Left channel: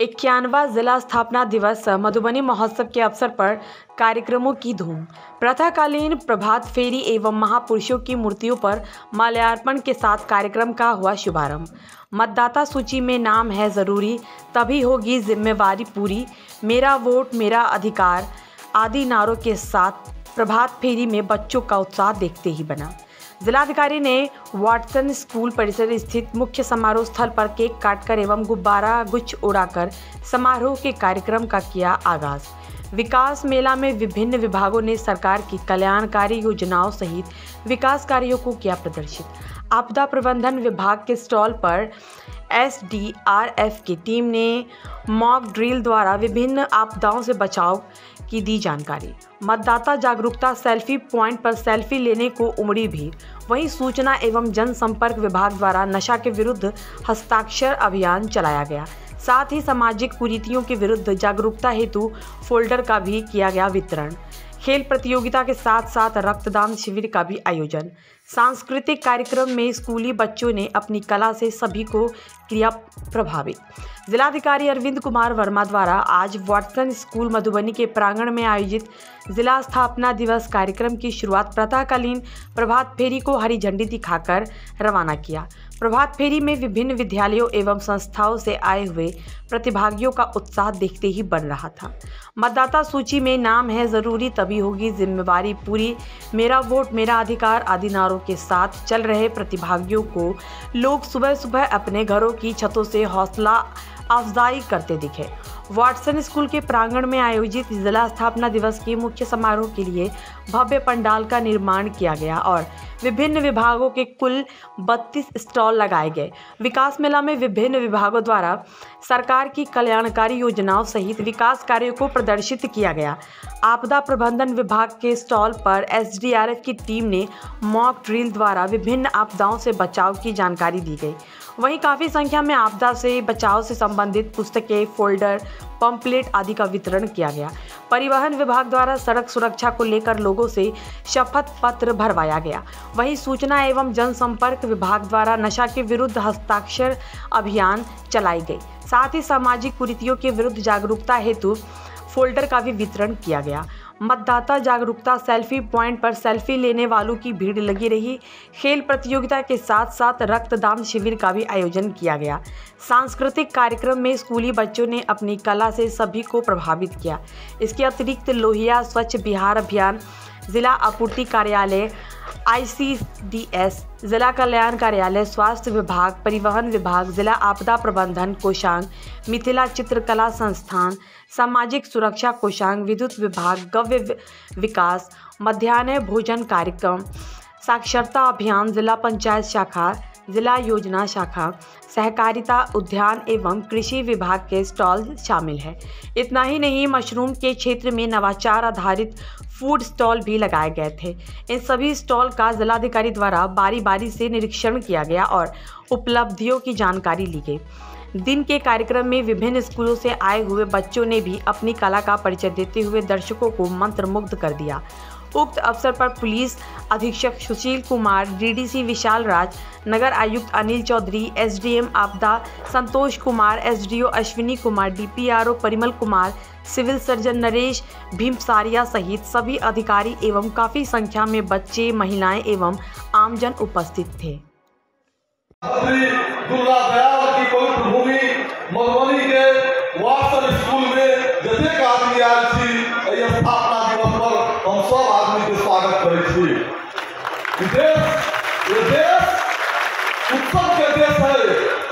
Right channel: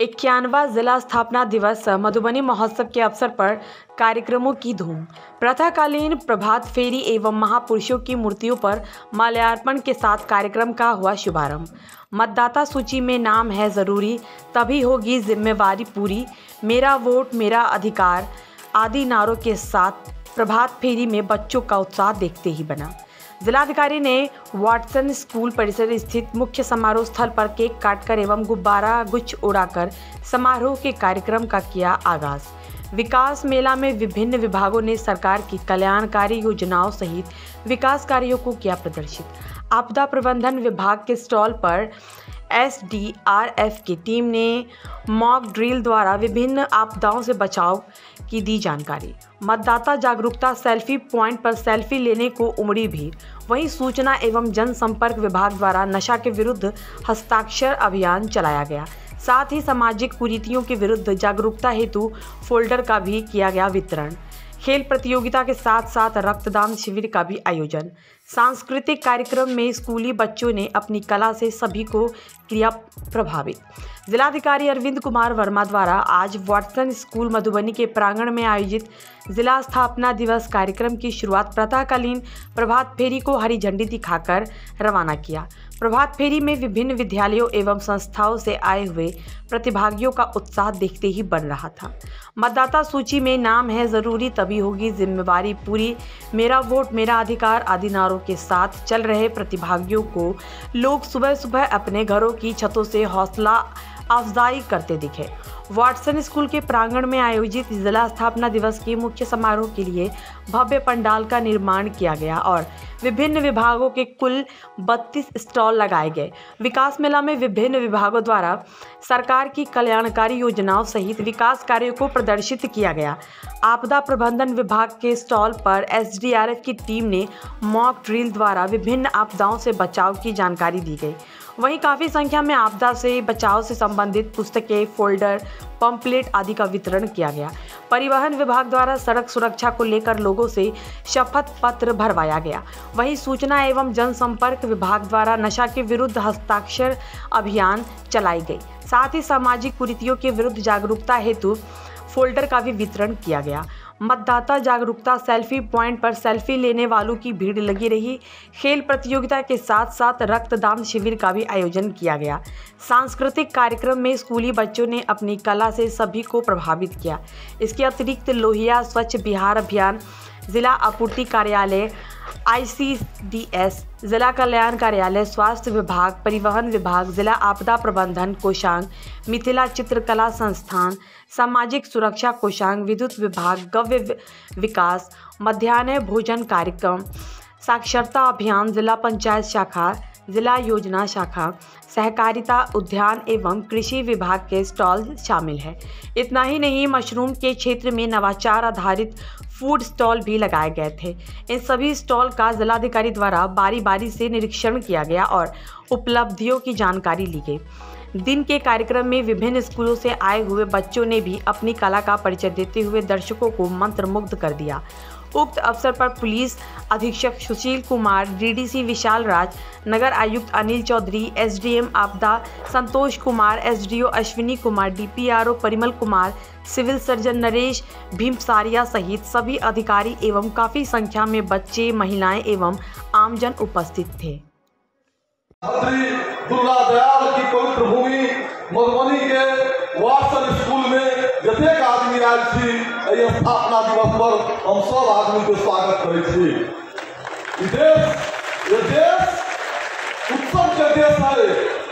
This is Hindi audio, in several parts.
91वां जिला स्थापना दिवस मधुबनी महोत्सव के अवसर पर कार्यक्रमों की धूम। प्रातःकालीन प्रभात फेरी एवं महापुरुषों की मूर्तियों पर माल्यार्पण के साथ कार्यक्रम का हुआ शुभारंभ। मतदाता सूची में नाम है जरूरी, तभी होगी जिम्मेवारी पूरी, मेरा वोट मेरा अधिकार आदि नारों के साथ प्रभात फेरी में बच्चों का उत्साह देखते ही बना। जिलाधिकारी ने वाटसन स्कूल परिसर स्थित मुख्य समारोह स्थल पर केक काटकर एवं गुब्बारा गुच्छ उड़ाकर समारोह के कार्यक्रम का किया आगाज। विकास मेला में विभिन्न विभागों ने सरकार की कल्याणकारी योजनाओं सहित विकास कार्यों को किया प्रदर्शित। आपदा प्रबंधन विभाग के स्टॉल पर SDRF की टीम ने मॉक ड्रिल द्वारा विभिन्न आपदाओं से बचाव की दी जानकारी। मतदाता जागरूकता सेल्फी पॉइंट पर सेल्फी लेने को उमड़ी भीड़। वहीं सूचना एवं जनसंपर्क विभाग द्वारा नशा के विरुद्ध हस्ताक्षर अभियान चलाया गया। साथ ही सामाजिक कुरीतियों के विरुद्ध जागरूकता हेतु फोल्डर का भी किया गया वितरण। खेल प्रतियोगिता के साथ साथ रक्तदान शिविर का भी आयोजन। सांस्कृतिक कार्यक्रम में स्कूली बच्चों ने अपनी कला से सभी को किया प्रभावित। जिलाधिकारी अरविंद कुमार वर्मा द्वारा आज वाटसन स्कूल मधुबनी के प्रांगण में आयोजित जिला स्थापना दिवस कार्यक्रम की शुरुआत प्रातःकालीन प्रभात फेरी को हरी झंडी दिखाकर रवाना किया। प्रभात फेरी में विभिन्न विद्यालयों एवं संस्थाओं से आए हुए प्रतिभागियों का उत्साह देखते ही बन रहा था। मतदाता सूची में नाम है जरूरी, तभी होगी जिम्मेवारी पूरी, मेरा वोट मेरा अधिकार आदि नारों के साथ चल रहे प्रतिभागियों को लोग सुबह सुबह अपने घरों की छतों से हौसला अफजाई करते दिखे। वाटसन स्कूल के प्रांगण में आयोजित जिला स्थापना दिवस के मुख्य समारोह के लिए भव्य पंडाल का निर्माण किया गया और विभिन्न विभागों के कुल 32 स्टॉल लगाए गए। विकास मेला में विभिन्न विभागों द्वारा सरकार की कल्याणकारी योजनाओं सहित विकास कार्यों को प्रदर्शित किया गया। आपदा प्रबंधन विभाग के स्टॉल पर SDRF की टीम ने मॉक ड्रिल द्वारा विभिन्न आपदाओं से बचाव की जानकारी दी गई। वहीं काफ़ी संख्या में आपदा से बचाव से संबंधित पुस्तकें, फोल्डर, पंपलेट आदि का वितरण किया गया। परिवहन विभाग द्वारा सड़क सुरक्षा को लेकर लोगों से शपथ पत्र भरवाया गया। वहीं सूचना एवं जनसंपर्क विभाग द्वारा नशा के विरुद्ध हस्ताक्षर अभियान चलाई गई। साथ ही सामाजिक कुरीतियों के विरुद्ध जागरूकता हेतु फोल्डर का भी वितरण किया गया। मतदाता जागरूकता सेल्फी पॉइंट पर सेल्फी लेने वालों की भीड़ लगी रही। खेल प्रतियोगिता के साथ साथ रक्तदान शिविर का भी आयोजन किया गया। सांस्कृतिक कार्यक्रम में स्कूली बच्चों ने अपनी कला से सभी को प्रभावित किया। इसके अतिरिक्त लोहिया स्वच्छ बिहार अभियान, जिला आपूर्ति कार्यालय, ICDS, जिला कल्याण कार्यालय, स्वास्थ्य विभाग, परिवहन विभाग, जिला आपदा प्रबंधन कोषांग, मिथिला चित्रकला संस्थान, सामाजिक सुरक्षा कोषांग, विद्युत विभाग, गव्य विकास, मध्याह्न भोजन कार्यक्रम, साक्षरता अभियान, जिला पंचायत शाखा, जिला योजना शाखा, सहकारिता, उद्यान एवं कृषि विभाग के स्टॉल शामिल है। इतना ही नहीं, मशरूम के क्षेत्र में नवाचार आधारित फूड स्टॉल भी लगाए गए थे। इन सभी स्टॉल का जिलाधिकारी द्वारा बारी बारी से निरीक्षण किया गया और उपलब्धियों की जानकारी ली गई। दिन के कार्यक्रम में विभिन्न स्कूलों से आए हुए बच्चों ने भी अपनी कला का परिचय देते हुए दर्शकों को मंत्रमुग्ध कर दिया। उक्त अवसर पर पुलिस अधीक्षक सुशील कुमार, DDC विशाल राज, नगर आयुक्त अनिल चौधरी, SDM आपदा Santosh Kumar, SDO Ashwini Kumar, DPRO Parimal Kumar, civil surgeon Naresh Bhimsaria सहित सभी अधिकारी एवं काफी संख्या में बच्चे, महिलाएं एवं आमजन उपस्थित थे। दुर्गा दयाल की पवित्र भूमि मधुबनी के वाटसन स्कूल में जतेक आदमी आयल छी, एहि स्थापना दिवस पर हम सब आदमी के स्वागत करै छी। ये देश उत्सव के देश है।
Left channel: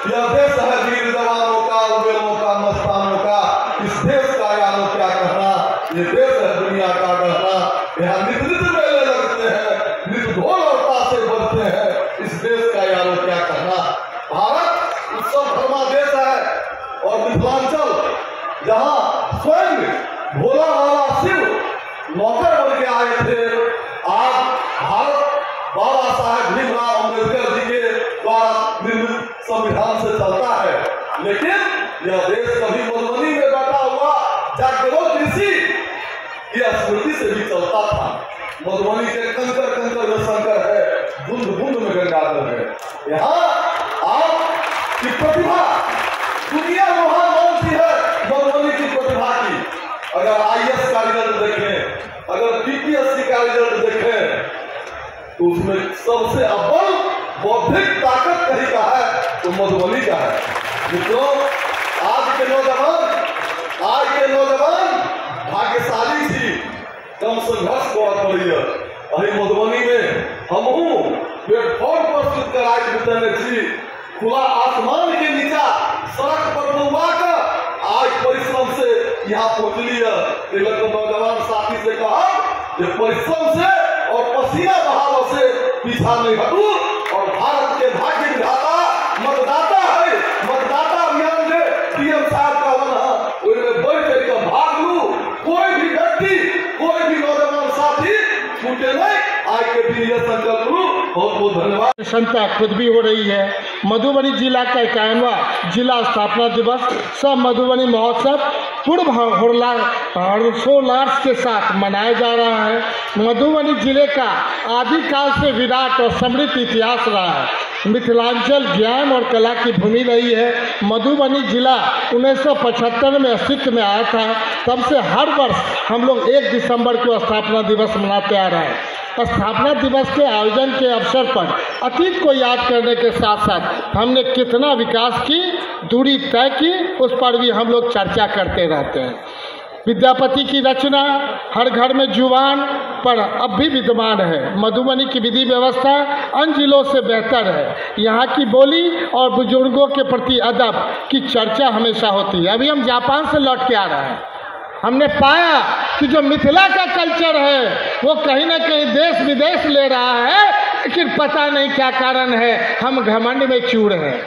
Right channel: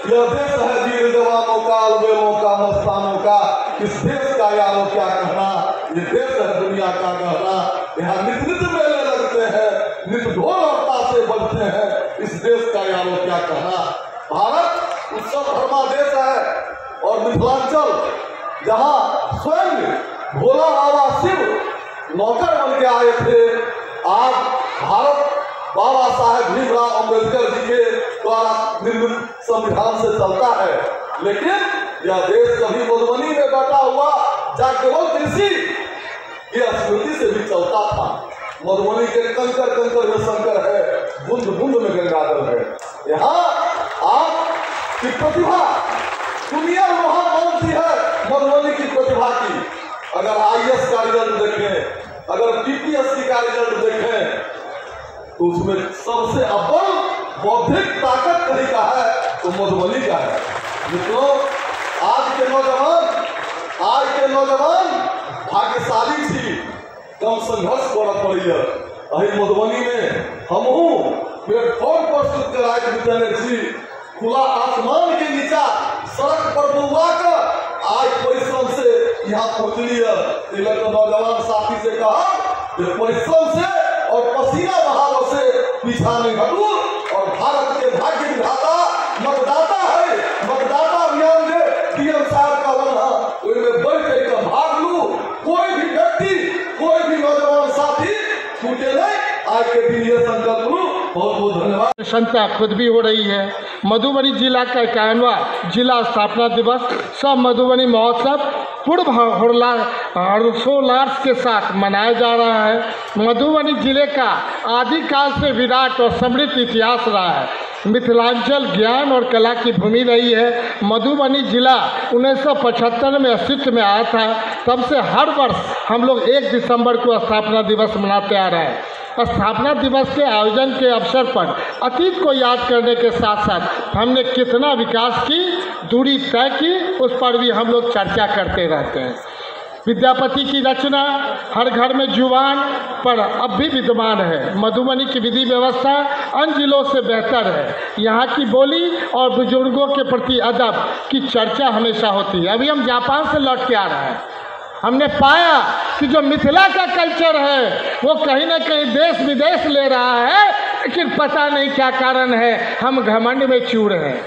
यह देश है वीर जवानों का, उद्यमों का, मस्तानों का। इस देश का यारो क्या कहना, ये देश है दुनिया का कहना। यहाँ नित नित मेले लगते हैं, नित ढोल और ताशे बजते हैं। इस देश का यारो क्या कहना। भारत उत्सव धर्मा देश है और मिथिलांचल जहाँ स्वयं भोला बाबा शिव नौकर बन के आए थे, आज भारत बाबा साहेब भीमराव अम्बेडकर जी के द्वारा निर्मित संविधान से चलता है। लेकिन यह देश कभी मधुबनी में बैठा हुआ जहाँ केवल कृषि की स्मृति से भी चलता था। मधुबनी के कंकर कंकर में शंकर है, बूंद बूंद में गंगाधर है। यहाँ आपकी प्रतिभा दुनिया महान मानती है। बौद्धिक ताकत कहीं का है तो मधुबनी का है। मित्रों, आज के नौजवान भाग्यशाली थी, कम संघर्ष करना पड़ी है। अरे मधुबनी में हम प्लेटफॉर्म पर सुनकर आज बिताने थी, खुला आसमान के नीचा सड़क पर डूबा कर आज परिश्रम से यहाँ पहुंचली है। तिलक नौजवान साथी से कहा कि परिश्रम से और पसीना बहाव से पीछा नहीं हटू और भारत के भाग्य विधाता मतदाता है, मतदाता अभियान में पीएम साहब का वन उनमें बढ़ चढ़कर भाग लू। कोई भी व्यक्ति, कोई भी नौजवान साथी छूटे नहीं, आज के दिन ये संकल्प लू। बहुत बहुत धन्यवाद। प्रसन्नता खुद भी हो रही है। मधुबनी जिला का 51वां जिला स्थापना दिवस सब मधुबनी महोत्सव पूर्ण हर्षोल्लास के साथ मनाया जा रहा है। मधुबनी जिले का आदिकाल से विराट और समृद्ध इतिहास रहा है। मिथिलांचल ज्ञान और कला की भूमि रही है। मधुबनी जिला 1975 में अस्तित्व में आया था। तब से हर वर्ष हम लोग 1 दिसंबर को स्थापना दिवस मनाते आ रहे हैं। स्थापना दिवस के आयोजन के अवसर पर अतीत को याद करने के साथ साथ हमने कितना विकास की दूरी तय की, उस पर भी हम लोग चर्चा करते रहते हैं। विद्यापति की रचना हर घर में जुबान पर अब भी विद्यमान है। मधुबनी की विधि व्यवस्था अन्य जिलों से बेहतर है। यहाँ की बोली और बुजुर्गों के प्रति अदब की चर्चा हमेशा होती है। अभी हम जापान से लौट के आ रहे हैं, हमने पाया कि जो मिथिला का कल्चर है वो कहीं ना कहीं देश विदेश ले रहा है, लेकिन पता नहीं क्या कारण है। हम घमंड में चूर हैं,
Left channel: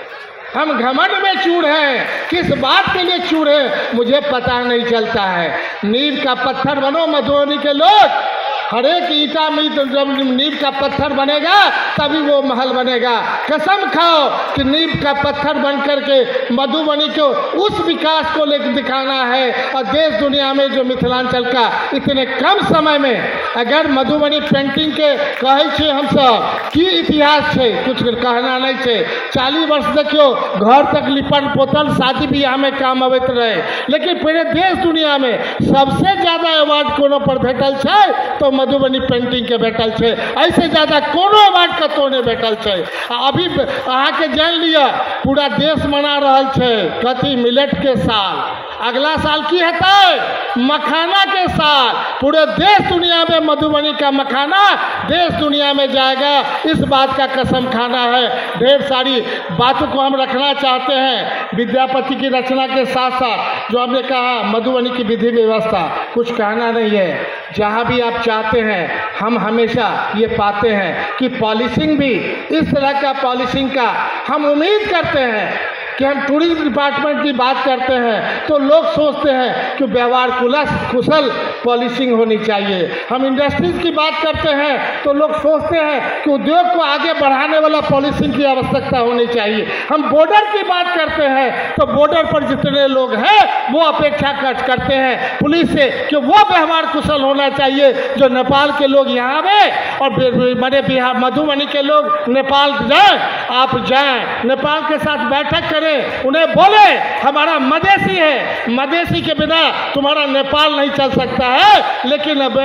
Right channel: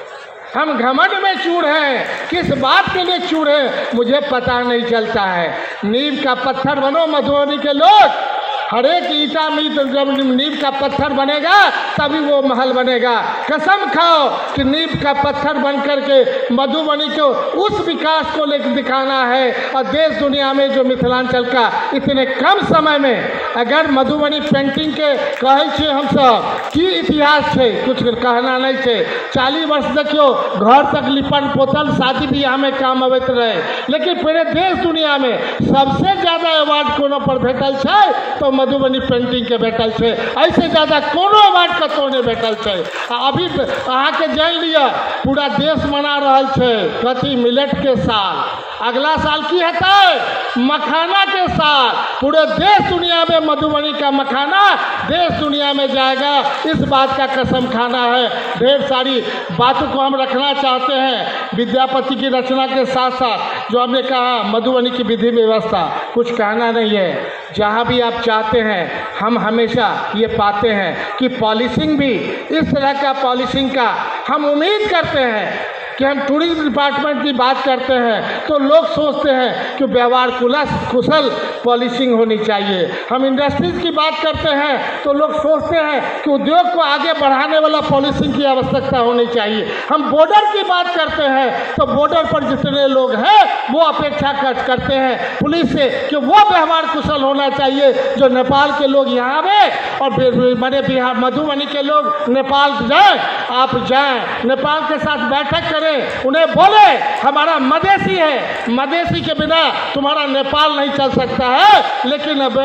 हम घमंड में चूर हैं। किस बात के लिए चूर हैं मुझे पता नहीं चलता है। नींव का पत्थर बनो मधुबनी के लोग। हर एक ईटा में जब नींव का पत्थर बनेगा तभी वो महल बनेगा। कसम खाओ कि नींव का पत्थर बन करके मधुबनी को उस विकास को लेकर दिखाना है। और देश दुनिया में जो मिथिलांचल का इतने कम समय में अगर मधुबनी पेंटिंग के कहे छे हम सब की इतिहास है, कुछ कहना नहीं है। 40 वर्ष देखियो घर तक लिपट पोतल शादी ब्याह में काम अबैत रहे, लेकिन पूरे देश दुनिया में सबसे ज्यादा अवार्ड कोनो पर भेटल है तो मधुबनी पेंटिंग के भेटल है। ऐसे ज्यादा कोनो अवार्ड कतौ नहीं भेटल है। अभी अहाँ के जान लिया पूरा देश मना रहा है कथी मिलेट के साल, अगला साल की हेतै मखाना के साल। पूरे देश दुनिया में मधुबनी का मखाना देश दुनिया में जाएगा, इस बात का कसम खाना है। ढेर सारी बातों को हम रखना चाहते हैं। विद्यापति की रचना के साथ साथ जो हमने कहा मधुबनी की विधि व्यवस्था, कुछ कहना नहीं है। जहाँ भी आप चाहते हैं हम हमेशा ये पाते हैं कि पॉलिसिंग भी इस तरह का पॉलिसिंग का हम उम्मीद करते हैं कि हम टूरिज्म डिपार्टमेंट की बात करते हैं तो लोग सोचते हैं कि व्यवहार कुशल पॉलिसिंग होनी चाहिए। हम इंडस्ट्रीज की बात करते हैं तो लोग सोचते हैं कि उद्योग को आगे बढ़ाने वाला पॉलिसिंग की आवश्यकता होनी चाहिए। हम बॉर्डर की बात करते हैं तो बॉर्डर पर जितने लोग हैं वो अपेक्षा करते हैं पुलिस से कि वो व्यवहार कुशल होना चाहिए। जो नेपाल के लोग यहाँ आए और बड़े बिहार मधुबनी के लोग नेपाल जाए, आप जाए नेपाल के साथ बैठक करें, उन्हें बोले हमारा मदेशी है, मदेशी के बिना तुम्हारा नेपाल नहीं चल सकता है। लेकिन अब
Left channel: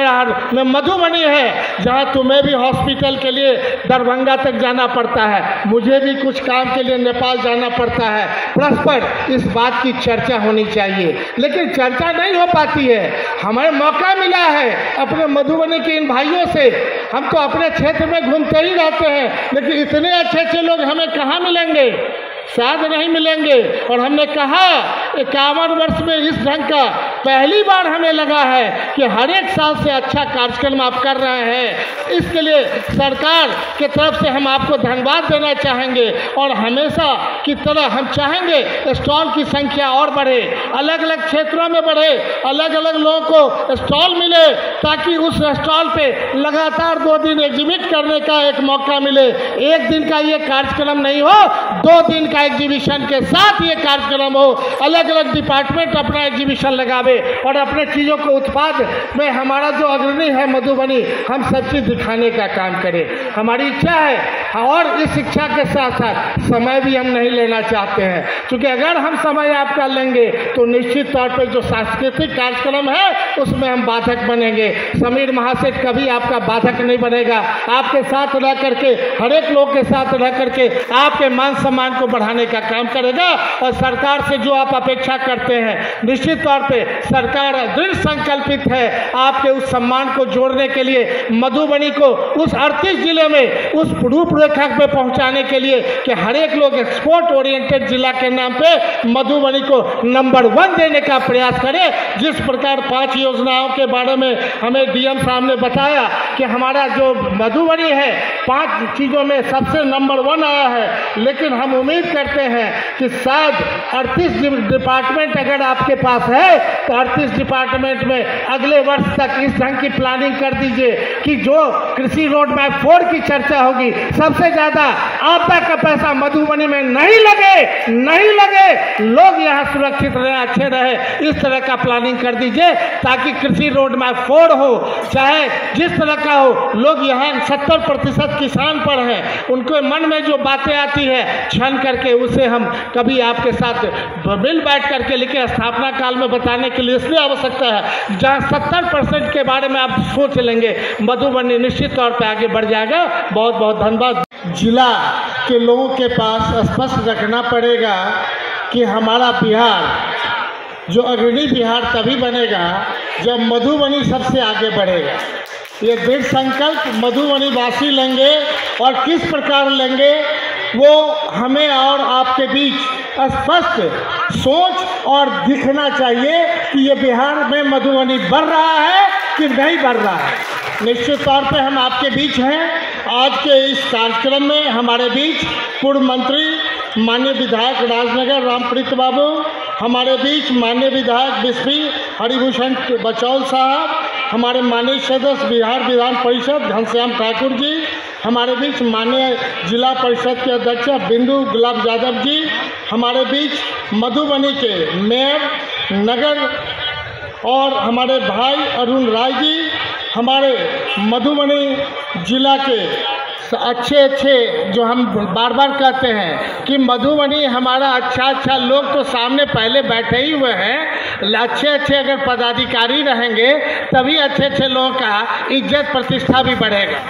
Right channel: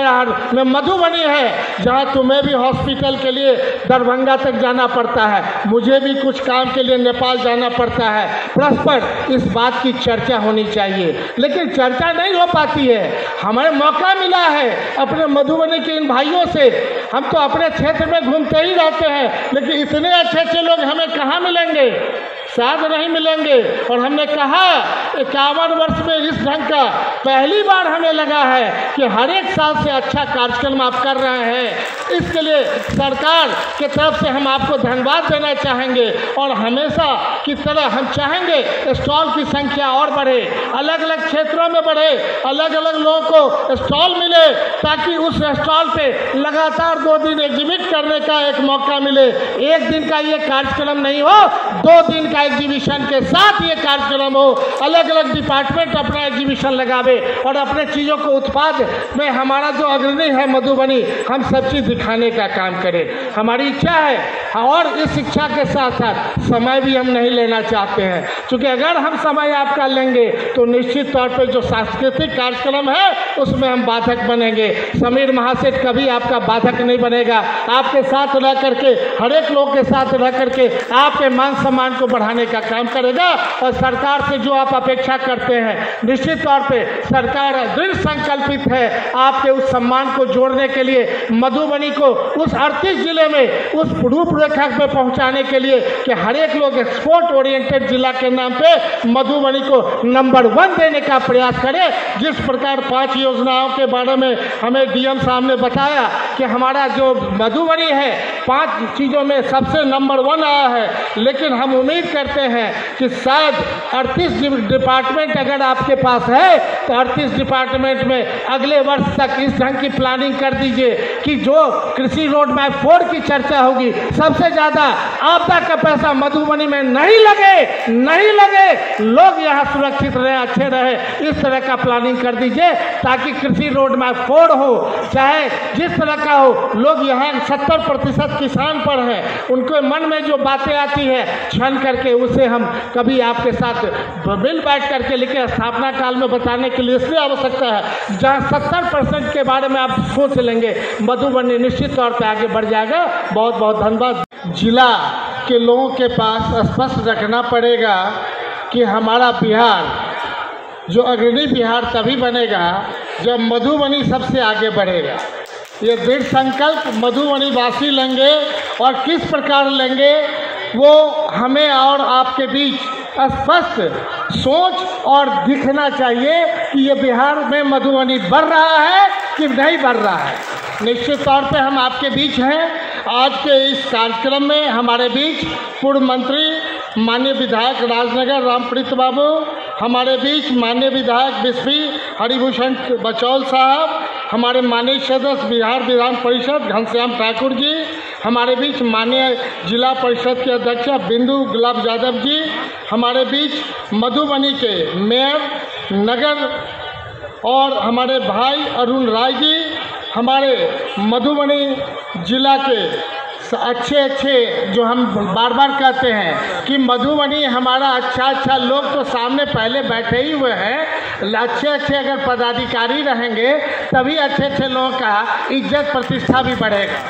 मधुबनी है जहां तुम्हें भी हॉस्पिटल के लिए दरभंगा तक जाना पड़ता है, मुझे भी कुछ काम के लिए नेपाल जाना पड़ता है। परस्पर इस बात की चर्चा होनी चाहिए, लेकिन चर्चा नहीं हो पाती है। हमें मौका मिला है अपने मधुबनी के इन भाइयों से, हम तो अपने क्षेत्र में घूमते ही रहते हैं, लेकिन इतने अच्छे अच्छे लोग हमें कहाँ मिलेंगे, शायद नहीं मिलेंगे। और हमने कहा 51 वर्ष में इस ढंग का पहली बार हमें लगा है कि हर एक साल से अच्छा कार्यक्रम आप कर रहे हैं। इसके लिए सरकार की तरफ से हम आपको धन्यवाद देना चाहेंगे। और हमेशा की तरह हम चाहेंगे स्टॉल की संख्या और बढ़े, अलग अलग क्षेत्रों में बढ़े, अलग अलग लोगों को स्टॉल मिले, ताकि उस स्टॉल पे लगातार 2 दिन एग्जिबिट करने का एक मौका मिले। एक दिन का ये कार्यक्रम नहीं हो, 2 दिन का एग्जीबिशन के साथ ये कार्यक्रम हो, अलग अलग डिपार्टमेंट अपना एग्जीबिशन लगावे और अपने चीज़ों को उत्पाद में हमारा जो अग्रणी है मधुबनी, हम सब चीज़ दिखाने का काम करें। हमारी इच्छा है और इस शिक्षा के साथ साथ समय भी हम नहीं लेना चाहते हैं, क्योंकि अगर हम समय आपका लेंगे तो निश्चित तौर पर जो सांस्कृतिक कार्यक्रम है उसमें हम बाधक बनेंगे। समीर महासेठ कभी आपका बाधक नहीं बनेगा, आपके साथ रह करके, हर एक लोग के साथ रह करके आपके मान सम्मान को बढ़ाने का काम करेगा। और सरकार से जो आप अपेक्षा करते हैं, निश्चित तौर पे सरकार दृढ़ संकल्पित है आपके उस सम्मान को जोड़ने के लिए, मधुबनी को उस 38 जिले में उस रूपरेखा पे पहुंचाने के लिए कि हर एक लोग एक्सपोर्ट ओरिएंटेड जिला के नाम पे मधुबनी को नंबर 1 देने का प्रयास करें। जिस प्रकार 5 योजनाओं के बारे में हमें डीएम साहब ने बताया कि हमारा जो मधुबनी है 5 चीज़ों में सबसे नंबर 1 आया है, लेकिन हम उम्मीद करते हैं कि शायद 38 डिपार्टमेंट अगर आपके पास है तो 38 डिपार्टमेंट में अगले वर्ष तक इस ढंग की प्लानिंग कर दीजिए कि जो कृषि रोड मैप 4 की चर्चा होगी, सबसे ज़्यादा आपदा का पैसा मधुबनी में नहीं लगे, लोग यहाँ सुरक्षित रहे, अच्छे रहे, इस तरह का प्लानिंग कर दीजिए ताकि कृषि रोड मैप 4 हो, चाहे जिस तरह का हो। लोग यहाँ 70% किसान पर है, उनके मन में जो बातें आती है छन करके उसे हम कभी आपके साथ मिल बैठ करके, लेकिन स्थापना काल में बताने के लिए इसलिए आवश्यकता है जहाँ 70% के बारे में आप सोच लेंगे, मधुबनी निश्चित तौर पर आगे बढ़ जाएगा। बहुत बहुत धन्यवाद। जिला के लोगों के पास स्पष्ट रखना पड़ेगा कि हमारा बिहार जो अग्रणी बिहार तभी बनेगा जब मधुबनी सबसे आगे बढ़ेगा। ये दृढ़ संकल्प मधुबनी वासी लेंगे और किस प्रकार लेंगे वो हमें और आपके बीच स्पष्ट सोच और दिखना चाहिए कि ये बिहार में मधुबनी बढ़ रहा है कि नहीं बढ़ रहा है। निश्चित तौर पे हम आपके बीच हैं। आज के इस कार्यक्रम में हमारे बीच पूर्व मंत्री माननीय विधायक राजनगर रामप्रीत बाबू, हमारे बीच माननीय विधायक बिस्फी हरिभूषण बचौल साहब, हमारे माननीय सदस्य बिहार विधान परिषद घनश्याम ठाकुर जी, हमारे बीच माननीय जिला परिषद के अध्यक्ष बिंदु गुलाब यादव जी, हमारे बीच मधुबनी के मेयर नगर और हमारे भाई अरुण राय जी, हमारे मधुबनी जिला के अच्छे जो हम बार बार कहते हैं कि मधुबनी हमारा अच्छा लोग तो सामने पहले बैठे ही हुए हैं। अच्छे अगर पदाधिकारी रहेंगे तभी अच्छे लोगों का इज्जत प्रतिष्ठा भी बढ़ेगा।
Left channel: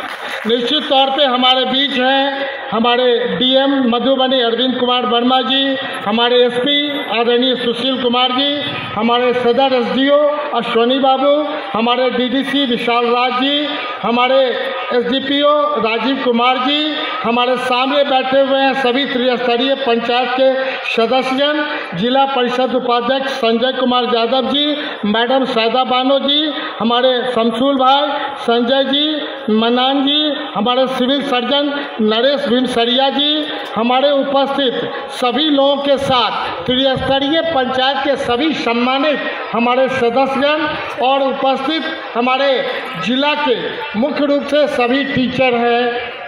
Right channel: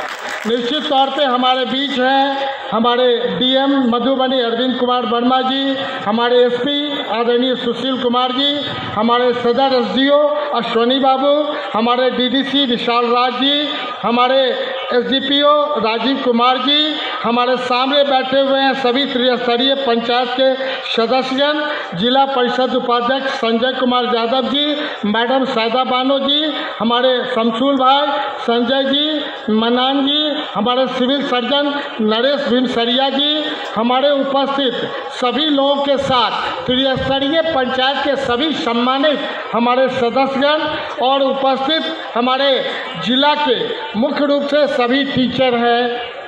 निश्चित तौर पे हमारे बीच हैं हमारे डीएम मधुबनी अरविंद कुमार वर्मा जी, हमारे एसपी आदरणीय सुशील कुमार जी, हमारे सदर एसडीओ अश्वनी बाबू, हमारे डीडीसी विशाल राज जी, हमारे एसडीपीओ राजीव कुमार जी, हमारे सामने बैठे हुए हैं सभी त्रिस्तरीय पंचायत के सदस्यगण, जिला परिषद उपाध्यक्ष संजय कुमार यादव जी, मैडम सायदा बानो जी, हमारे शमसूल भाई, संजय जी, मनान जी, हमारे सिविल सर्जन नरेश भीमसरिया जी, हमारे उपस्थित सभी लोगों के साथ त्रिस्तरीय पंचायत के सभी सम्मानित हमारे सदस्यगण और उपस्थित हमारे जिला के मुख्य रूप से सभी टीचर हैं,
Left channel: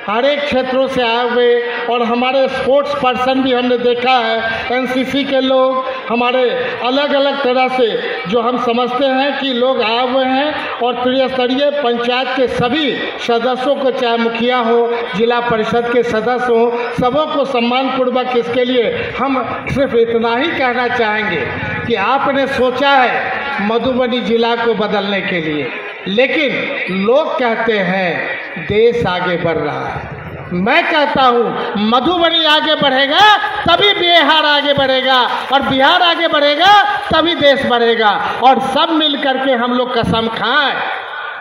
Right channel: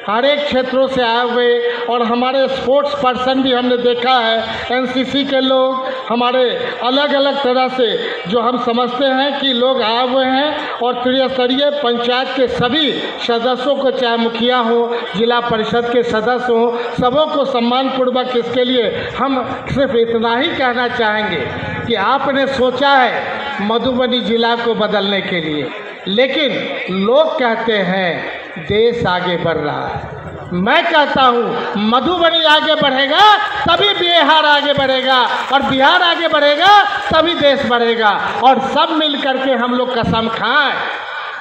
हर एक क्षेत्रों से आए हुए, और हमारे स्पोर्ट्स पर्सन भी हमने देखा है, एनसीसी के लोग, हमारे अलग अलग तरह से जो हम समझते हैं कि लोग आए हुए हैं, और त्रिस्तरीय पंचायत के सभी सदस्यों को, चाहे मुखिया हो, जिला परिषद के सदस्य हों, सबों को सम्मानपूर्वक इसके लिए हम सिर्फ इतना ही कहना चाहेंगे कि आपने सोचा है मधुबनी जिला को बदलने के लिए, लेकिन लोग कहते हैं देश आगे बढ़ रहा है। मैं कहता हूँ मधुबनी आगे बढ़ेगा तभी बिहार आगे बढ़ेगा, और बिहार आगे बढ़ेगा तभी देश बढ़ेगा। और सब मिल करके हम लोग कसम खाएं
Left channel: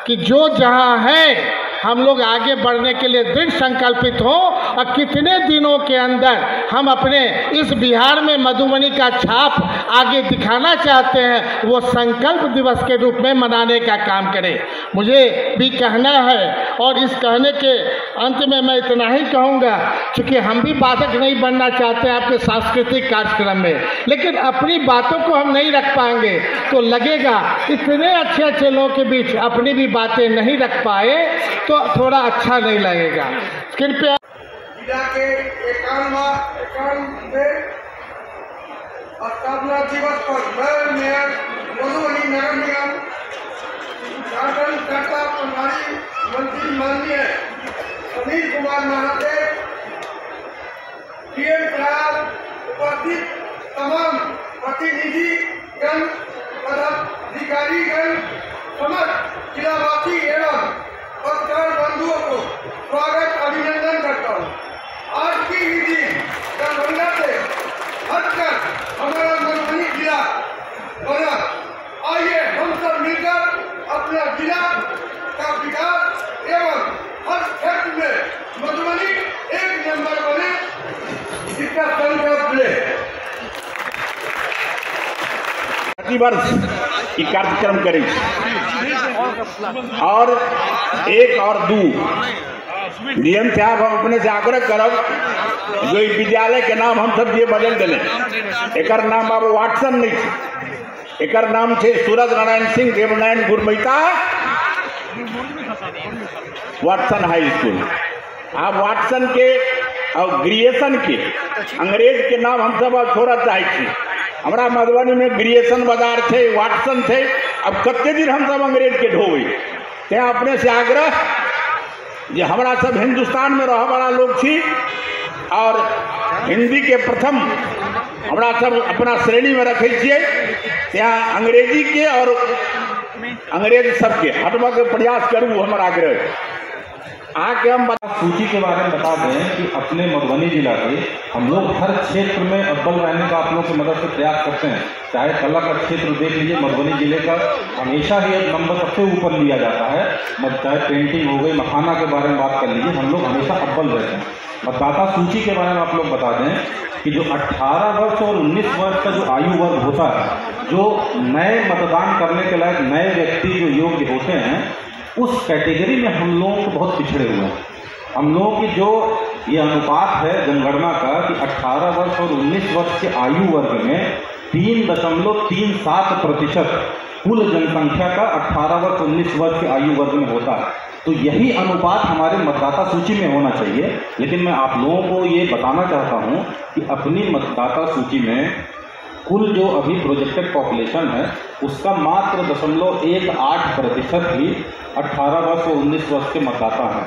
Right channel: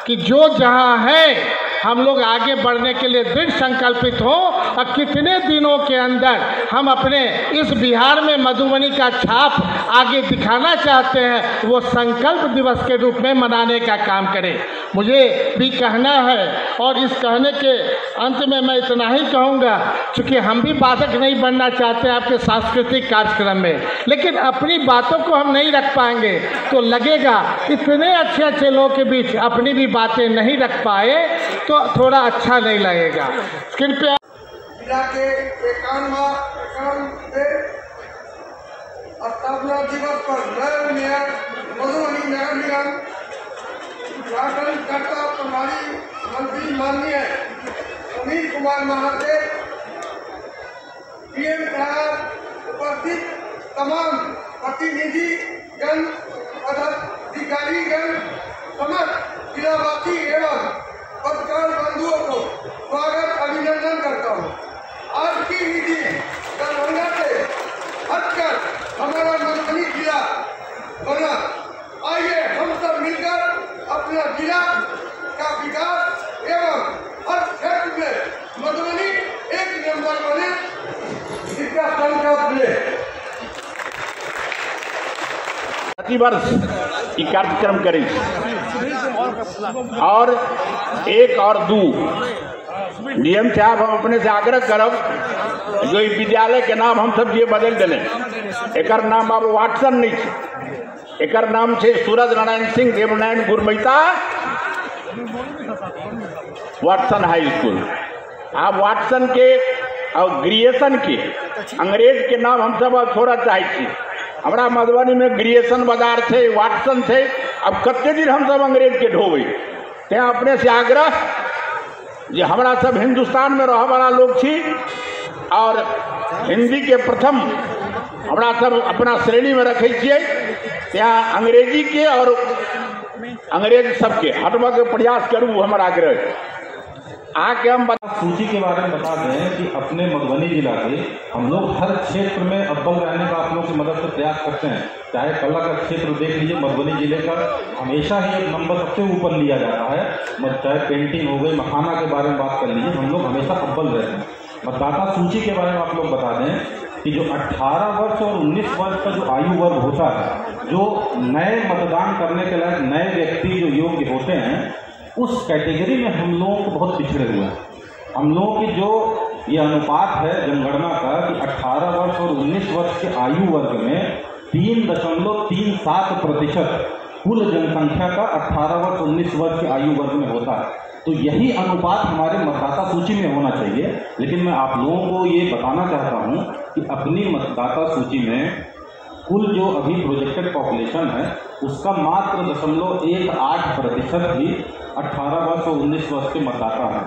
कि जो जहाँ है हम लोग आगे बढ़ने के लिए दृढ़ संकल्पित हों, और कितने दिनों के अंदर हम अपने इस बिहार में मधुबनी का छाप आगे दिखाना चाहते हैं, वो संकल्प दिवस के रूप में मनाने का काम करें। मुझे भी कहना है, और इस कहने के अंत में मैं इतना ही कहूँगा, क्योंकि हम भी बाधक नहीं बनना चाहते आपके सांस्कृतिक कार्यक्रम में, लेकिन अपनी बातों को हम नहीं रख पाएंगे तो लगेगा इतने अच्छे लोगों के बीच अपनी भी बातें नहीं रख पाए तो थोड़ा अच्छा नहीं लगेगा। कृपया जिला के 51वें स्थापना दिवस पर नगर मेयर मधुबनी नगर निगम झारखंड कर्ता प्रभारी मंत्री माननीय सुनील कुमार महादेव, पीएम प्रयाग उपस्थित तमाम प्रतिनिधिगण, पदाधिकारीगण, समस्त जिलावासी एवं पत्रकार बंधुओं को स्वागत अभिनंदन करता हूँ। आज की विधि दरभंगा से हटकर हमारा मधुबनी जिला बना। आइए हम सब मिलकर अपना जिला का विकास एवं हर क्षेत्र में मधुबनी एक नंबर बने, इसका संकल्प ले। प्रतिवर्ष ई कार्यक्रम करें और 1 और 2 नियम से आप हम अपने से आग्रह करब जो विद्यालय के नाम हम सब ये बदल दिले। एकर नाम अब वाटसन नहीं है, एकर नाम है सूरज Narayan Singh Devnarayan गुरमैता Watson high school. आप वाटसन के और ग्रेजुएशन के अंग्रेज के नाम हम सब अब थोड़ा चाहे। हमारा मधुबनी में ग्रेजुएशन बाजार थे, वाटसन थे, अब कत्ते दिन हम सब अंग्रेज के ढोबे। ते अपने से आग्रह जे हमारा सब हिंदुस्तान में रह वाला लोग थी और हिंदी के प्रथम हमारा सब अपना श्रेणी में रखे छिए। यहाँ अंग्रेजी के और अंग्रेज सबके हटवा के प्रयास करूँ, हमारा आग्रह। आगे हम सूची के बारे में बता दें कि अपने मधुबनी जिला के हम लोग हर क्षेत्र में अव्वल रहने का आप लोग की मदद से प्रयास करते हैं। चाहे कला का क्षेत्र देख लीजिए, मधुबनी जिले का हमेशा ही एक नंबर सबसे ऊपर लिया जाता है। चाहे पेंटिंग हो गई, मखाना के बारे में बात कर लीजिए, हम लोग हमेशा अव्वल रहते हैं। मतदाता सूची के बारे में आप लोग बता दें कि जो 18 वर्ष और 19 वर्ष का जो आयु वर्ग होता है, जो नए मतदान करने के लायक नए व्यक्ति जो योग्य होते हैं, उस कैटेगरी में हम लोग बहुत पिछड़े हुए हैं। हम लोगों की जो ये अनुपात है जनगणना का कि 18 वर्ष और 19 वर्ष के आयु वर्ग में 3.37% कुल जनसंख्या का 18 वर्ष 19 वर्ष के आयु वर्ग में होता है। तो यही अनुपात हमारे मतदाता सूची में होना चाहिए। लेकिन मैं आप लोगों को ये बताना चाहता हूँ कि अपनी मतदाता सूची में कुल जो अभी प्रोजेक्टेड पॉपुलेशन है उसका मात्र 0.18% ही 18 वर्ष और 19 वर्ष के मतदाता हैं।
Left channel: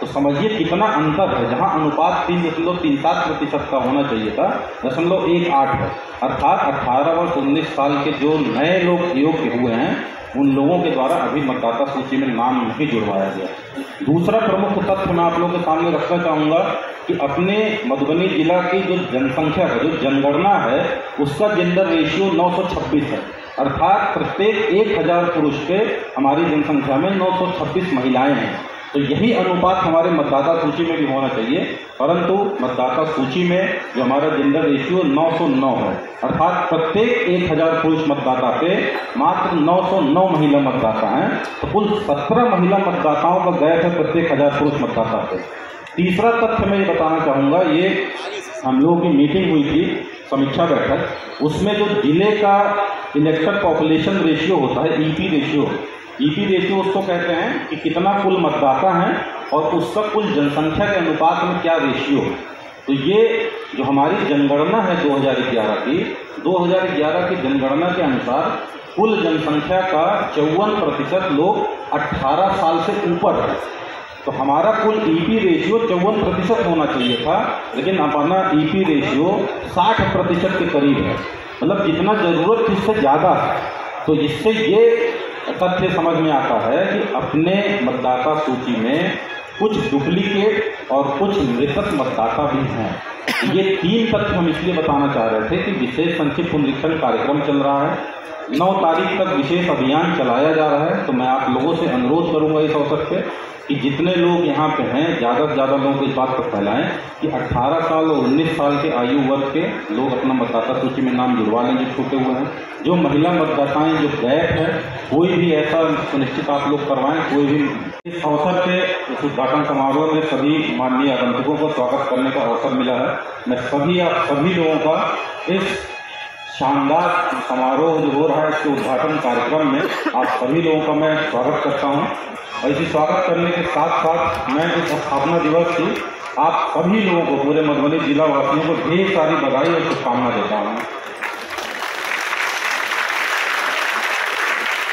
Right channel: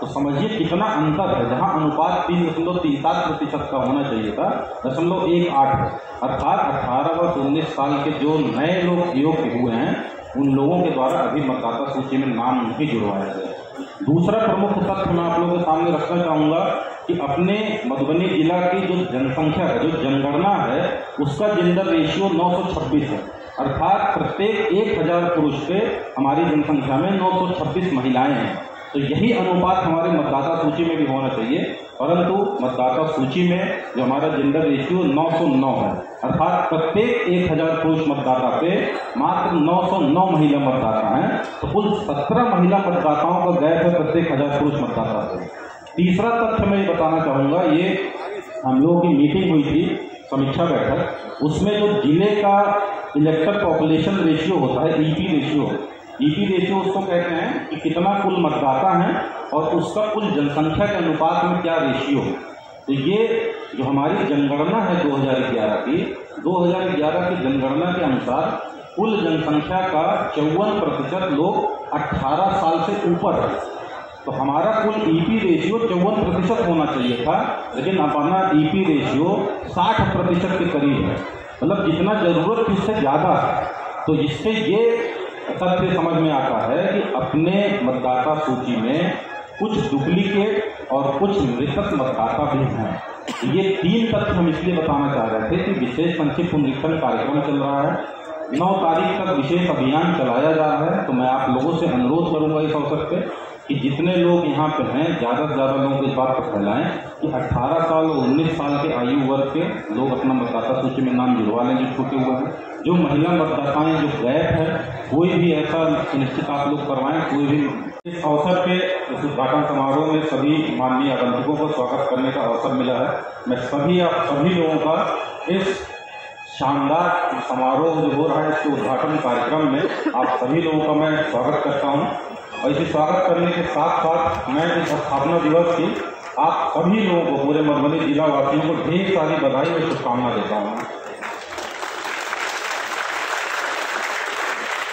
तो समझिए कितना अंतर है। जहां अनुपात 3.37% का होना चाहिए था, 0.18 है। अर्थात 18 वर्ष 19 साल के जो नए लोग योग्य हुए हैं उन लोगों के द्वारा अभी मतदाता सूची में नाम नहीं जुड़वाया गया। दूसरा प्रमुख तथ्य मैं आप लोगों के सामने रखना चाहूँगा कि अपने मधुबनी जिला की जो जनसंख्या का जो जनगणना है उसका जेंडर रेशियो 926 है। अर्थात प्रत्येक 1000 पुरुष पे हमारी जनसंख्या में 926 महिलाएं हैं। तो यही अनुपात हमारे मतदाता सूची में भी होना चाहिए, परंतु मतदाता सूची में जो हमारा जेंडर रेशियो 909 है। अर्थात प्रत्येक 1000 पुरुष मतदाता पे मात्र 909 महिला मतदाता हैं। तो कुल 17 महिला मतदाताओं का गैप है प्रत्येक 1000 पुरुष मतदाता पे। तीसरा तथ्य मैं ये बताना चाहूँगा, ये हम लोगों की मीटिंग हुई थी, समीक्षा बैठक, उसमें जो जिले का इलेक्टेड पॉपुलेशन रेशियो होता है, ईपी रेशियो उसको कहते हैं कि कितना कुल मतदाता हैं और उसका कुल जनसंख्या के अनुपात में क्या रेशियो है। तो ये जो हमारी जनगणना है 2011 की जनगणना के अनुसार कुल जनसंख्या का 54% लोग 18 साल से ऊपर है। तो हमारा कुल ईपी रेशियो 54% होना चाहिए था, लेकिन अपना ईपी रेशियो 60% के करीब है। मतलब जितना जरूरत थी इससे ज़्यादा है। तो इससे ये तथ्य समझ में आता है कि अपने मतदाता सूची में कुछ डुप्लीकेट और कुछ मृतक मतदाता भी हैं। ये 3 तथ्य हम इसलिए बताना चाह रहे थे कि विशेष संक्षिप्त पुनरीक्षण कार्यक्रम चल रहा है, 9 तारीख तक विशेष अभियान चलाया जा रहा है। तो मैं आप लोगों से अनुरोध करूंगा इस अवसर पे कि जितने लोग यहाँ पे हैं ज़्यादा से ज़्यादा लोग इस बात को फैलाएं कि 18 साल और 19 साल के आयु वर्ग के लोग अपना मतदाता सूची में नाम जुड़वा लें जो छूटे हुए हैं। जो महिला मतदाताएं जो गैप है कोई भी ऐसा सुनिश्चित आप लोग करवाएं। कोई भी इस अवसर पे इस उद्घाटन समारोह में सभी माननीय आगंतुकों को स्वागत करने का अवसर मिला है। मैं सभी लोगों का इस शानदार समारोह जो हो रहा है इसके उद्घाटन कार्यक्रम में आप सभी लोगों का मैं स्वागत करता हूं। और इसे स्वागत करने के साथ साथ मैं इस स्थापना दिवस की आप सभी लोगों को, पूरे मधुबनी जिला वासियों को ढेर सारी बधाई और शुभकामना देता हूँ।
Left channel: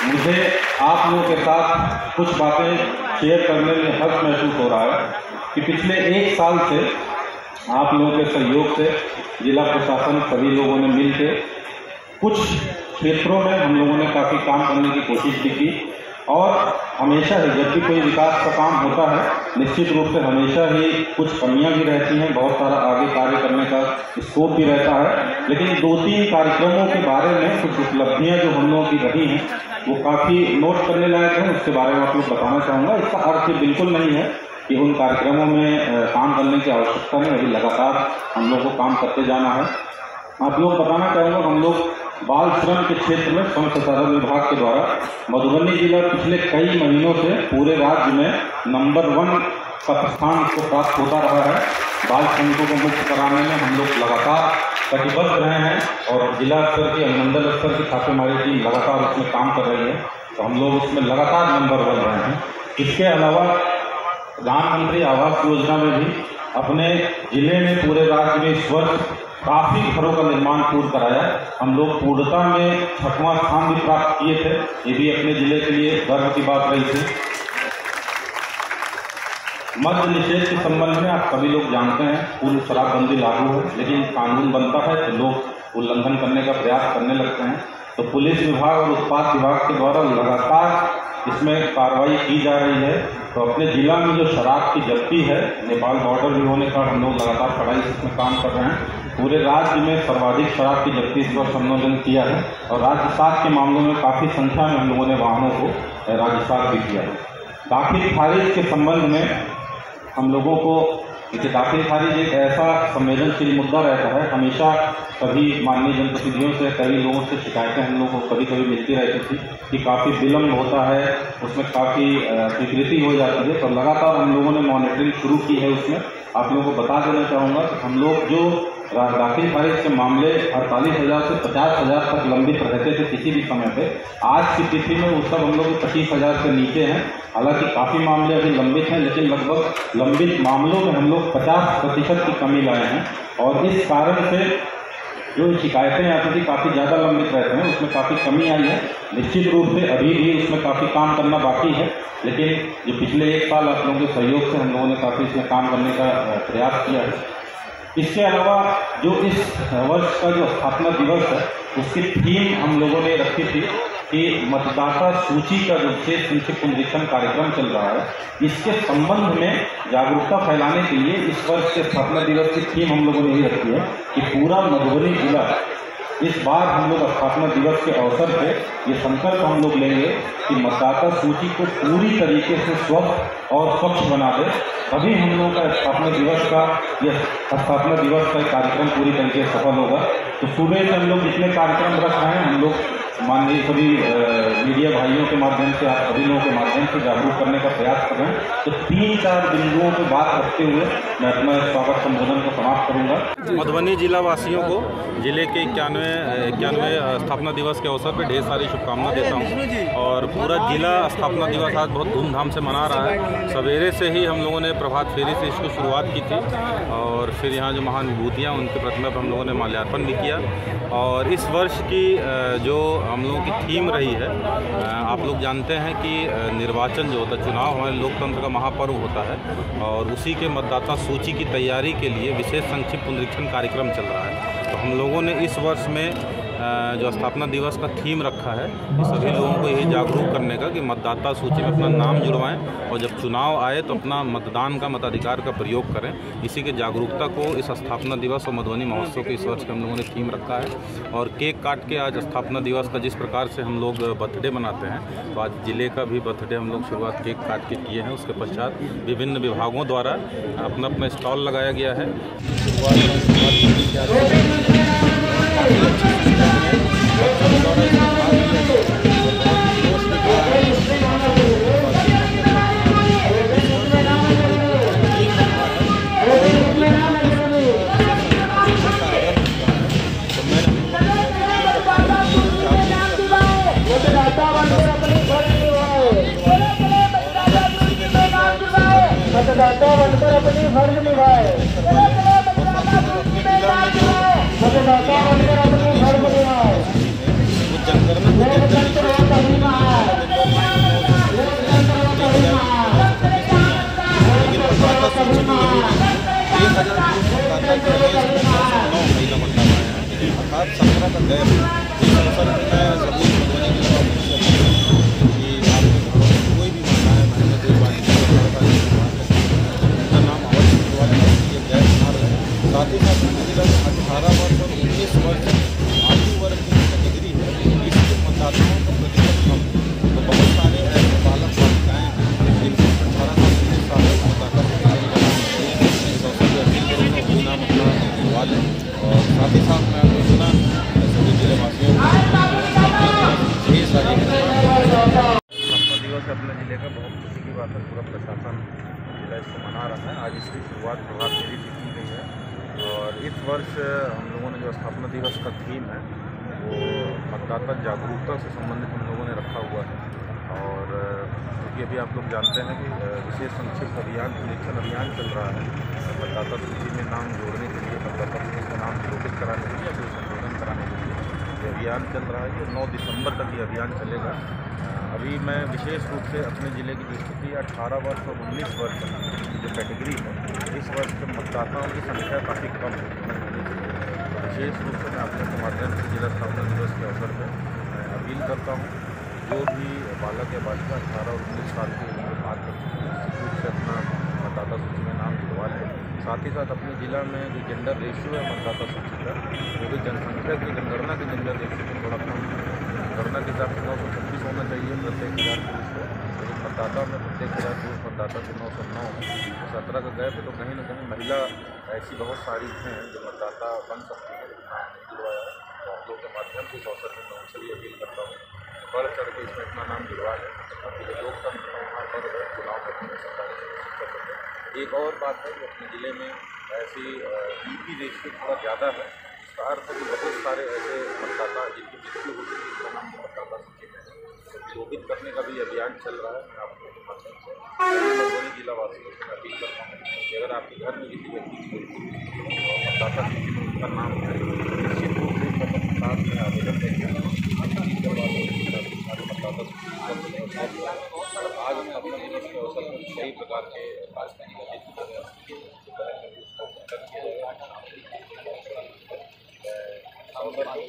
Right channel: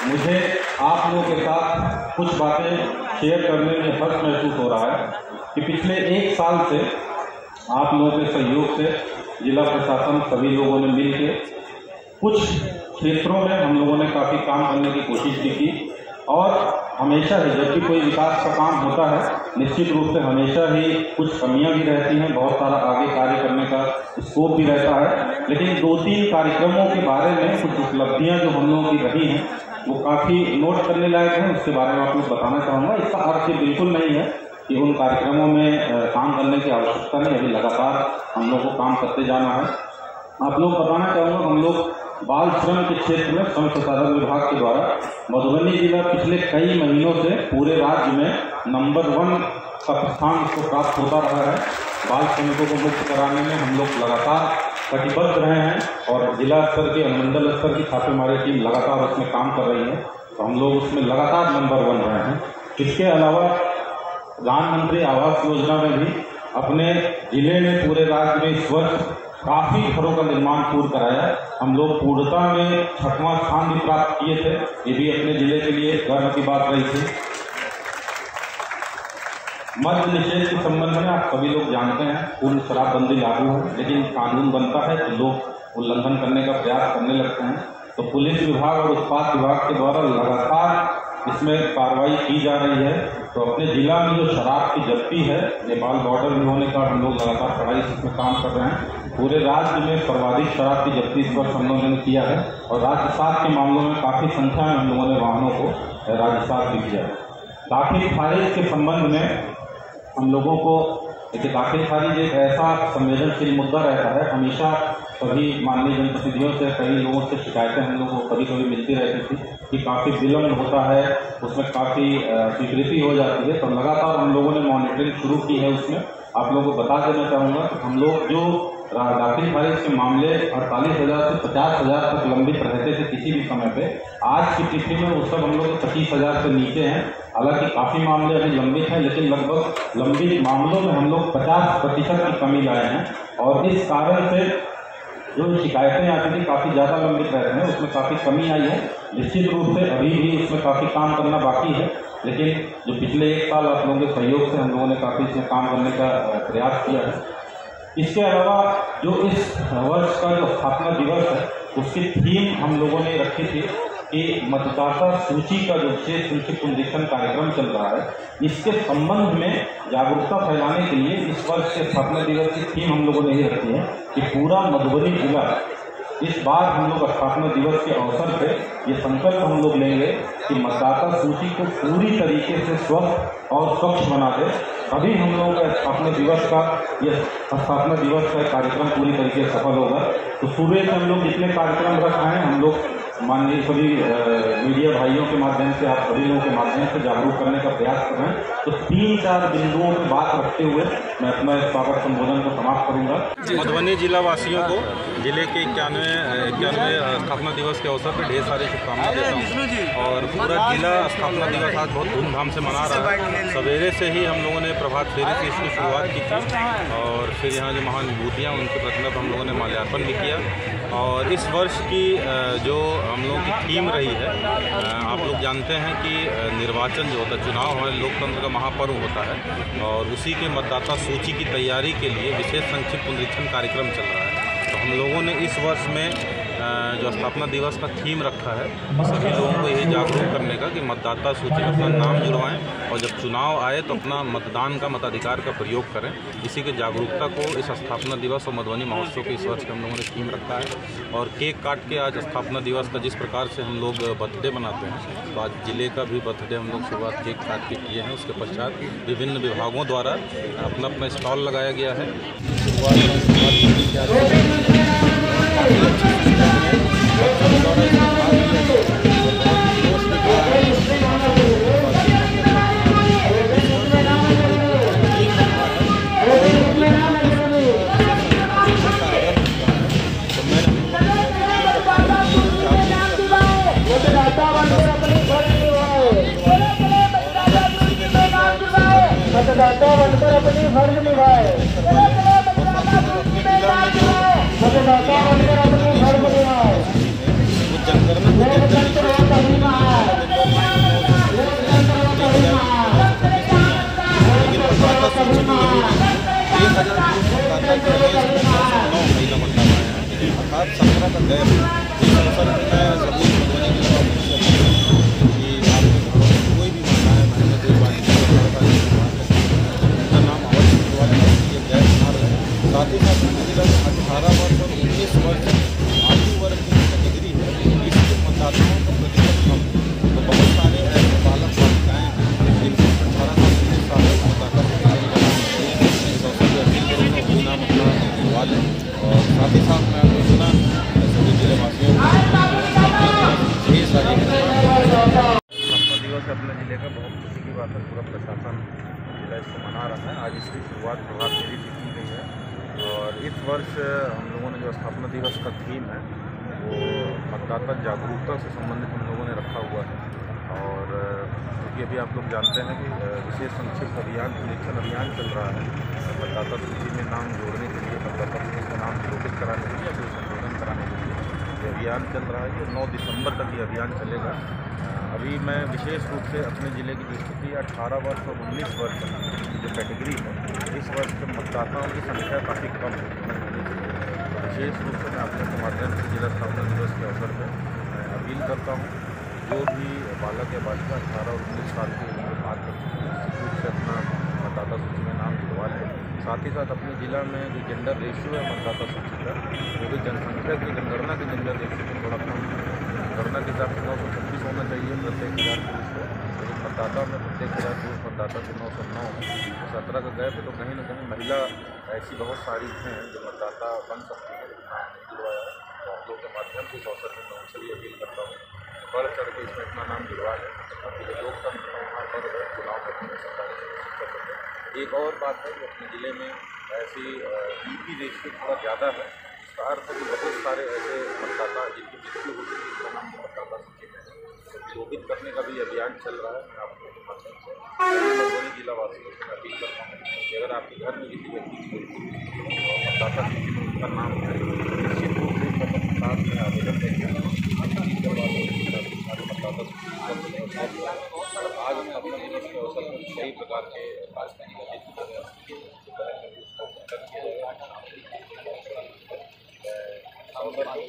मुझे आप लोगों के साथ कुछ बातें शेयर करने में हर्ष महसूस हो रहा है कि पिछले 1 साल से आप लोगों के सहयोग से जिला प्रशासन सभी लोगों ने मिलकर कुछ क्षेत्रों में हम लोगों ने काफ़ी काम करने की कोशिश की थी। और हमेशा ही जब भी कोई विकास का काम होता है, निश्चित रूप से हमेशा ही कुछ कमियां भी रहती हैं, बहुत सारा आगे कार्य करने का स्कोप भी रहता है। लेकिन 2-3 कार्यक्रमों के बारे में कुछ उपलब्धियां जो हम लोगों की रही हैं वो काफ़ी नोट करने लायक हैं, उसके बारे में आप लोग बताना चाहूँगा। इसका अर्थ बिल्कुल नहीं है कि उन कार्यक्रमों में काम करने की आवश्यकता नहीं, अभी लगातार हम लोग को काम करते जाना है। आप लोग बताना चाहूँगा, हम लोग बाल श्रम के क्षेत्र में श्रम संसाधन विभाग के द्वारा मधुबनी जिला पिछले कई महीनों से पूरे राज्य में नंबर 1 का स्थान इसको प्राप्त होता रहा है। बाल श्रमिकों को मुक्त कराने में हम लोग लगातार कटिबद्ध रहे हैं और जिला स्तर के अनुमंडल स्तर की छापेमारी टीम लगातार उसमें काम कर रही है, तो हम लोग उसमें लगातार नंबर 1 रहे हैं। इसके अलावा प्रधानमंत्री आवास योजना में भी अपने जिले में पूरे राज्य में इस वर्ष काफ़ी घरों का निर्माण पूर्ण कराया। हम लोग पूर्णता में 6वां स्थान भी प्राप्त किए थे, ये भी अपने जिले के लिए गर्व की बात रही थी। मद्य निषेध के संबंध में आप सभी लोग जानते हैं, पूर्ण शराबबंदी लागू है, लेकिन कानून बनता है तो लोग उल्लंघन करने का प्रयास करने लगते हैं। तो पुलिस विभाग और उत्पाद विभाग के द्वारा लगातार इसमें कार्रवाई की जा रही है। तो अपने जिला में जो शराब की जब्ती है, नेपाल बॉर्डर में होने पर हम लोग लगातार कड़ाई से इसमें काम कर रहे हैं। पूरे राज्य में सर्वाधिक शराब की जब्ती इस वर्ष हम लोगों ने किया है और राजसात के मामलों में काफ़ी संख्या में हम लोगों ने वाहनों को राजसात भी किया है। दाखिल खारिज के संबंध में हम लोगों को, दाखिल खारिज एक ऐसा संवेदनशील मुद्दा रहता है। हमेशा सभी माननीय जनप्रतिनिधियों से, कई लोगों से शिकायतें हम लोगों को कभी कभी मिलती रहती थी कि काफ़ी विलम्ब होता है, उसमें काफ़ी स्वीकृति हो जाती है। तो लगातार हम लोगों ने मॉनिटरिंग शुरू की है। उसमें आप लोगों को बता देना चाहूँगा कि हम लोग जो दाखिल खारिज के मामले 48,000 से 50,000 तक लंबित रहते थे किसी भी समय पे, आज की तिथि में वो सब हम लोग 25,000 से नीचे हैं। हालांकि काफ़ी मामले अभी लंबित हैं, लेकिन लगभग लंबित मामलों में हम लोग 50% की कमी लाए हैं। और इस कारण से जो शिकायतें आती थी काफ़ी ज़्यादा लंबित रहते हैं, उसमें काफ़ी कमी आई है। निश्चित रूप से अभी भी उसमें काफ़ी काम करना बाकी है, लेकिन जो पिछले 1 साल आप लोगों के सहयोग से हम लोगों ने काफ़ी इसमें काम करने का प्रयास किया है। इसके अलावा जो इस वर्ष का जो स्थापना दिवस है, उसकी थीम हम लोगों ने रखी थी कि मतदाता सूची का जो विशेष संक्षिप्त निरीक्षण कार्यक्रम चल रहा है, इसके संबंध में जागरूकता फैलाने के लिए इस वर्ष के स्थापना दिवस की थीम हम लोगों ने ये रखी है कि पूरा मधुबनी जिला इस बार हम लोग स्थापना दिवस के अवसर पे ये संकल्प हम लोग लेंगे कि मतदाता सूची को पूरी तरीके से स्वस्थ और स्वच्छ बना दे। अभी हम लोगों का स्थापना दिवस का कार्यक्रम पूरी तरीके से सफल होगा। तो सुबह से हम लोग जितने कार्यक्रम रख रहे हैं, हम लोग माननीय सभी मीडिया भाइयों के माध्यम से, आप सभी लोगों के माध्यम से जागरूक करने का प्रयास कर रहे हैं। तो 3-4 बिंदुओं पर बात रखते हुए मैं अपना स्वागत संबोधन को समाप्त करूंगा। मधुबनी जिला वासियों को जिले के 91वें स्थापना दिवस के अवसर पर ढेर सारी शुभकामनाएं देता हूं। और पूरा जिला स्थापना दिवस आज बहुत धूमधाम से मना रहा है। सवेरे से ही हम लोगों ने प्रभात फेरी से इसकी शुरुआत की थी और फिर यहाँ जो महान विभूतियाँ उनकी प्रतिमा पर हम लोगों ने माल्यार्पण भी किया। और इस वर्ष की जो हम लोगों की थीम रही है, आप लोग जानते हैं कि निर्वाचन जो होता है, चुनाव हमारे लोकतंत्र का महापर्व होता है और उसी के मतदाता सूची की तैयारी के लिए विशेष संक्षिप्त निरीक्षण कार्यक्रम चल रहा है। तो हम लोगों ने इस वर्ष में जो स्थापना दिवस का थीम रखा है, तो सभी लोगों को यही जागरूक करने का कि मतदाता सूची में अपना नाम जुड़वाएं और जब चुनाव आए तो अपना मतदान का मताधिकार का प्रयोग करें। इसी के जागरूकता को इस स्थापना दिवस और मधुबनी महोत्सव के इस वर्ष के हम लोगों ने थीम रखा है। और केक काट के आज स्थापना दिवस का जिस प्रकार से हम लोग बर्थडे मनाते हैं, तो आज जिले का भी बर्थडे हम लोग शुरुआत केक काट के किए हैं। उसके पश्चात विभिन्न विभागों द्वारा अपना अपना स्टॉल लगाया गया है। मतदाता बनकर अपनी फर्ज निभाए। मतदाता बनकर अपनी फर्ज निभाए। साथ ही साथ जिला में 18 वर्ष और 19 वर्ष आयु वर्ग की कैटेगरी है, इसके मतदाताओं का प्रतिशत कम। तो बहुत सारे ऐसे बालक बालिकाएँ हैं जिनके 18 से 19 साल के मतदाता इस अवसर पर अपील करूँगा अपनी नाम अपना दिलवा लें। और साथ ही साथ मैं आपको सुना सभी जिलेवासियों को ढेर सारी स्थापना दिवस अपने ज़िले का बहुत खुशी की बात है। पूरा प्रशासन जिला इसको मना रहा है। आज इसकी शुरुआत प्रभात फेरी से की गई है और इस वर्ष हम लोगों ने जो स्थापना दिवस का थीम है वो मतदाता जागरूकता से संबंधित हम लोगों ने रखा हुआ है। और क्योंकि अभी आप लोग जानते हैं कि विशेष संक्षिप्त अभियान निरीक्षण अभियान चल रहा है मतदाता सूची में नाम जोड़ने के लिए, मतदाता सूची का नाम निरूपित कराने के लिए या फिर संशोधन कराने के लिए ये अभियान चल रहा है। ये 9 दिसंबर तक ये अभियान चलेगा। अभी मैं विशेष रूप से अपने ज़िले की जो स्थिति 18 वर्ष और 19 वर्ष की जो कैटेगरी है, इस वर्ष के मतदाताओं की संख्या काफ़ी कम है। तो विशेष रूप से मैं आप लोगों के माध्यम से जिला स्थापना दिवस के अवसर पर अपील करता हूँ जो भी बालक या बालिका 18 और 19 साल की उम्र पार कर चुके हैं रूप से अपना मतदाता सूची में नाम जुड़वा लें। साथ ही साथ अपने ज़िला में जो जेंडर रेशियो है मतदाता सूची का, वो भी जनसंख्या की जनगणना के जेंडर रेशियो को थोड़ा कम है। जनगणना के हिसाब से 926 होना चाहिए प्रत्येक 1000 पुरुष को, लेकिन मतदाता में प्रत्येक 1000 पुरुष मतदाता से 909 है। 17 का गैप है। तो कहीं ना कहीं महिला ऐसी बहुत सारी हैं जो मतदाता बन सकती है, लेकिन नाम नहीं जुड़वाया है। तो आप लोग के माध्यम से इस अवसर पर मैं उनसे भी अपील करता हूँ बढ़ चढ़ के इसमें अपना नाम जुड़वा लें ताकि जो लोकतंत्र का वहाँ पर चुनाव करने में सरकारी कर सकें। एक और बात है कि अपने ज़िले में ऐसी ईपी रेशियो थोड़ा ज़्यादा है। इसका अर्थ है कि बहुत सारे ऐसे मतदाता जिनकी मृत्यु हो चुकी है उनका नाम मतदाता सूची में रोपित करने का भी अभियान चल रहा है। मैं आपको माध्यम से मधुबनी जिला वासियों से अपील करता हूँ कि अगर आपके घर में किसी व्यक्ति की मतदाता सूची में उनका नाम है निश्चित रूप से साथ में आवेदन करिए। मतदाता सूची आज मैं अपने दिवस के अवसर पर कई प्रकार के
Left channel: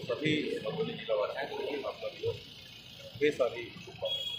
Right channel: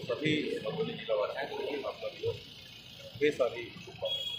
सभी मधुबनी जिला वासियों को आपका दिवस ढेर सारी शुभकामनाएं।